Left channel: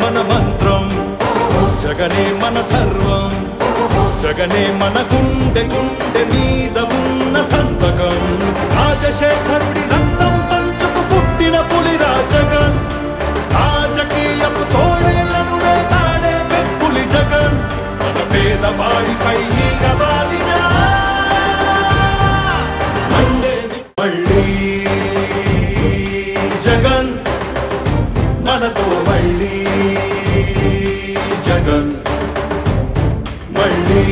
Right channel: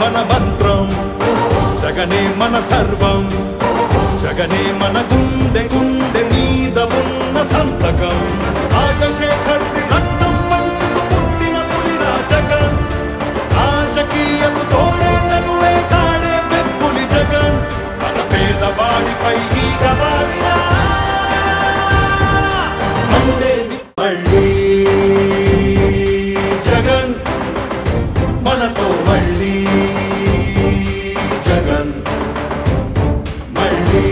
మన మంత్రం, జగనే మన సర్వం, జగనే మన గుండె గుండె మీద ఉన్న సంతకం. రాజశేఖరుడి రక్తం పంచుకు పుట్టిన పులిరా జగన్, రాజకీయపు తోడేళ్లను వేటాడే వెప్పులి జగన్. మన పేదవాడిపై ఈగ వాలినా మండేది మళ్ళీ జగన్, మనతో మళ్ళీ జగన్, మళ్ళీ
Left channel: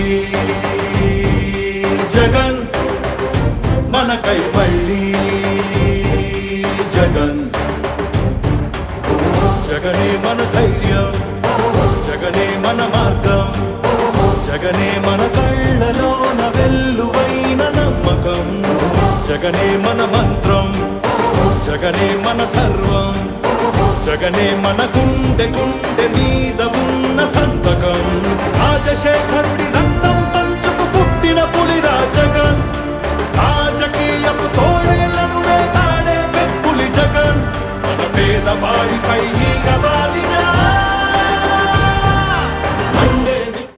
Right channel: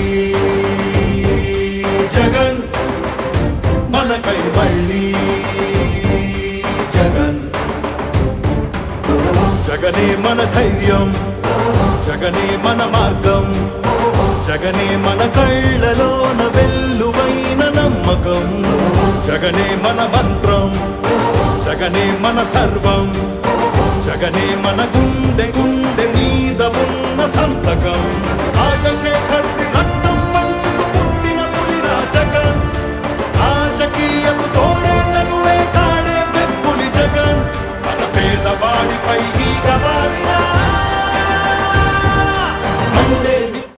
జగన్, మనకై మళ్ళీ జగన్. జగనే మన ధైర్యం, జగనే మన మార్గం, జగనే మన కళ్ళలోన వెల్లువైన నమ్మకం, జగనే మన